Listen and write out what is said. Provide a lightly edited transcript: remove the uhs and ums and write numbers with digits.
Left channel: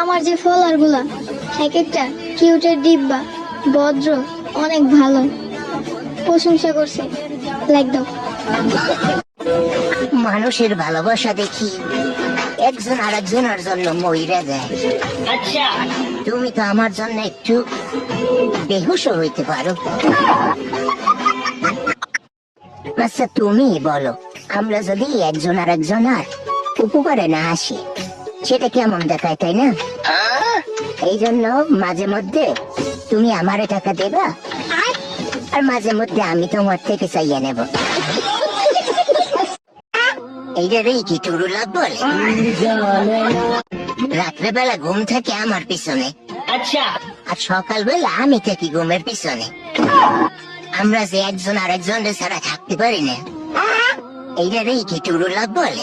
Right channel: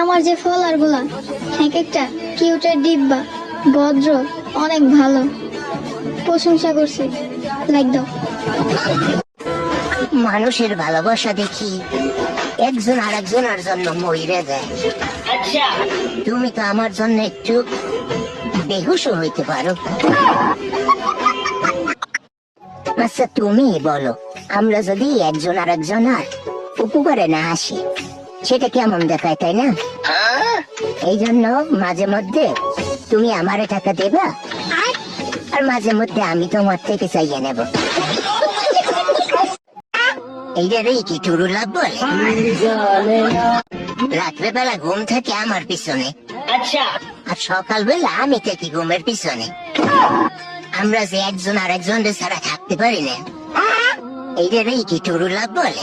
আমার যে ফলোয়ার গুলা এক একটা কিউটের ডিব্বা, ভদ্র, অনেক ভালো, প্রশংসা করছে, লাইক দাও। মানুষের ভালোবাসা দেখি একজন আরেকজনের জন্য মইরা যায়। তুমি তো আমার জন্য একটু বেহুশ হইতে পারো। আচ্ছা তুমি বলো, আমরা যদি একজন আরেকজনের উপকারে না আসি সেটা কেমন দেখায়, তাই না? এই জন্য মাঝে মধ্যে তুমি আমারে টাকা দেবা, আর মাঝে মধ্যে আমি তোমার থেকে চাইয়া নেব। এইটারই কি টুরু লাভ বলে? রাত্রেবেলা ঘুম থেকে আমার পিছনে, আর সকালবেলা আমি থাকি ঘুমের পিছনে। আমরা যে একজন আরেকজনের ছাড়া থাকতে পারি না, এইটারই কি টুরু লাভ বলে?